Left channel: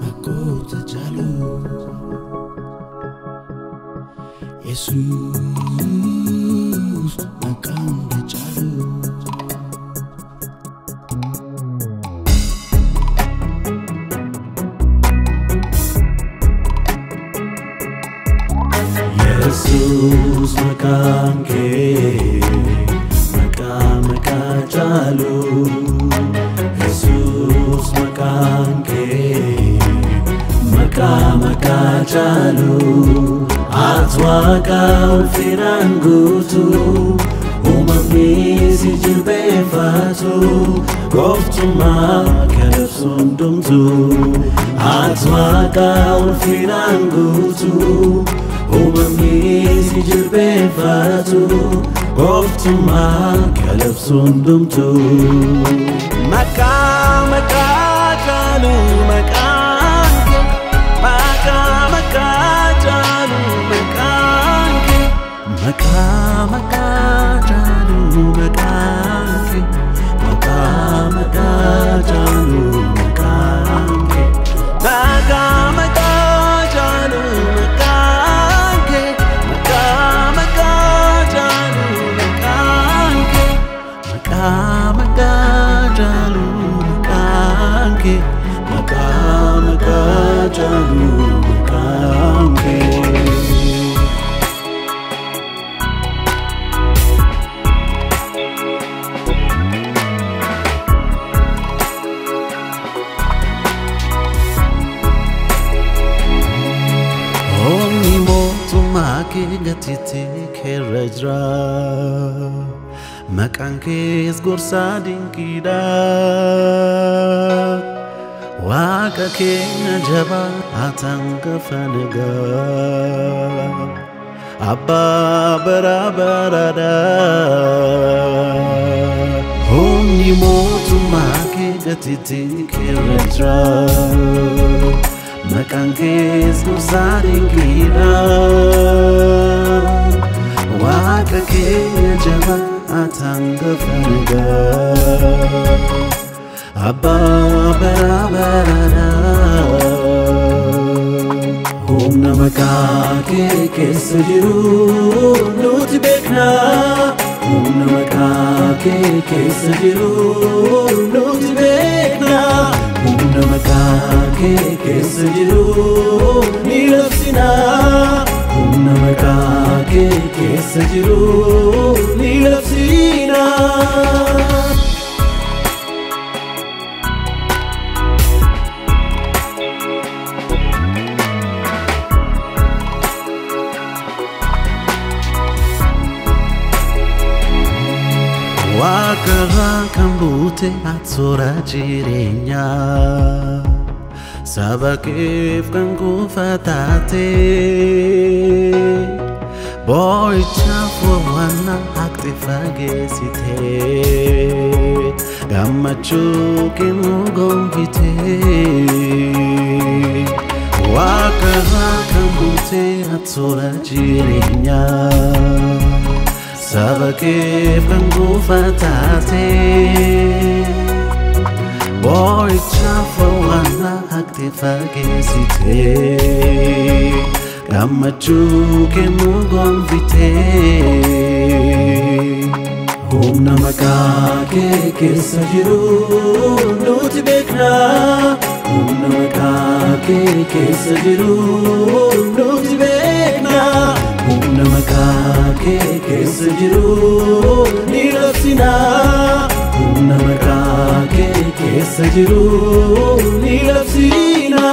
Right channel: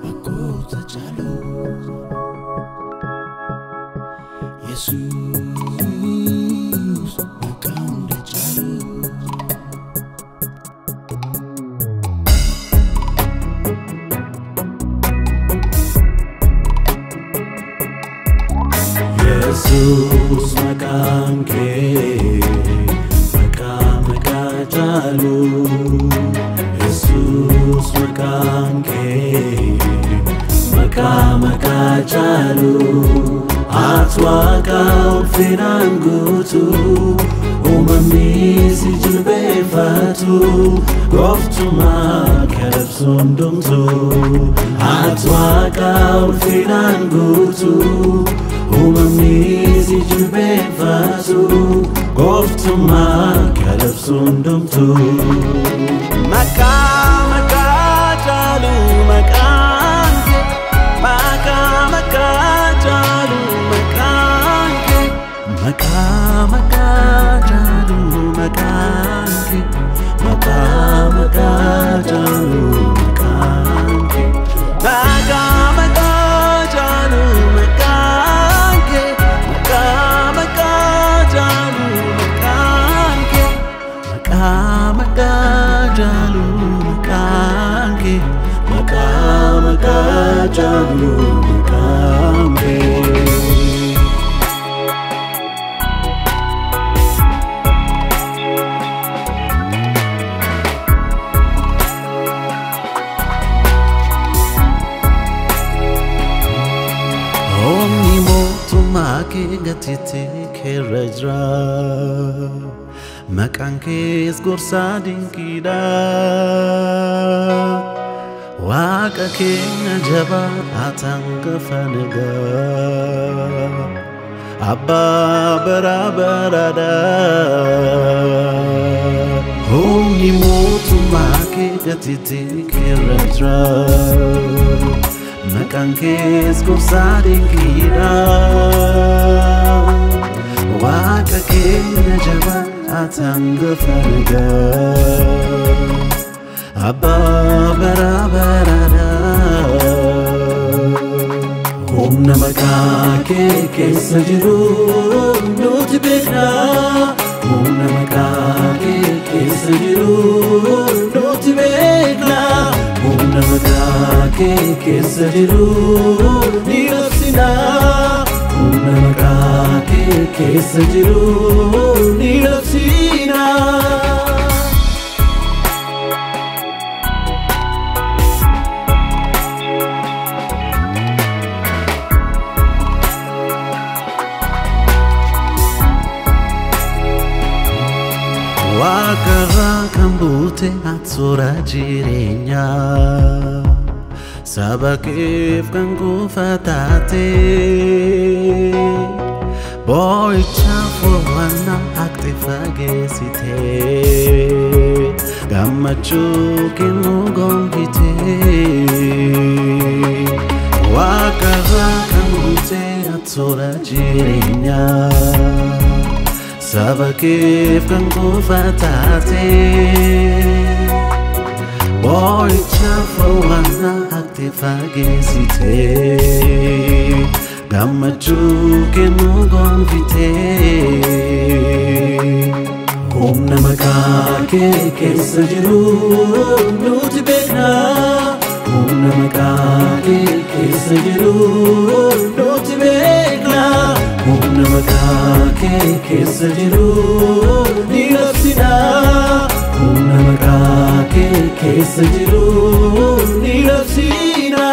Makota Chalu Jesus Makanda Chalu Jesus Makanke Maka Chalu Jesus Makanke Maka Chalu Atwaka Ulfirangutu Umamisi Jilbefatu Goftuma Kelefsundumtu Atwaka Ulfirangutu Umamisi Jilbefatu Goftuma Kelefsundumtu Maka Chalu Makanke Maka Chalu Makanke Maka Chalu Makanke Maka Chalu Makanke Maka Chalu Makanke Maka Chalu Makanke Maka Chalu Makanke Maka Chalu Makanke Omni motu make gatite kerajra Makanke esgorsa dinkida Waka kenya jaba atanga fanaga Abba barabarada Omni motu make gatite kerajra Makanke esgorsa dinkida Waka kenya jaba atanga fanaga Abba barabarada Humna makake kessa jiru nuti bekna Humna makake kessa jiru nuti bekna Humna makake kessa jiru ni labsina Humna makake kessa jiru ni labsina Wakara kambute atsura jirenya Sabakif kan kufatate Boicha furwana hakte fagesite Gammachu kinu gonvite Wakara kambute atsura jirenya Sabakif kan kufatate Boicha furwana hakte fagesite Gammachu kenu gonvite Humna makake kessa jiru nuti bekna Humna makake kessa jiru nuti bekna Humna makake kessa jiru ni labsina Humna makake kessa jiru ni labsina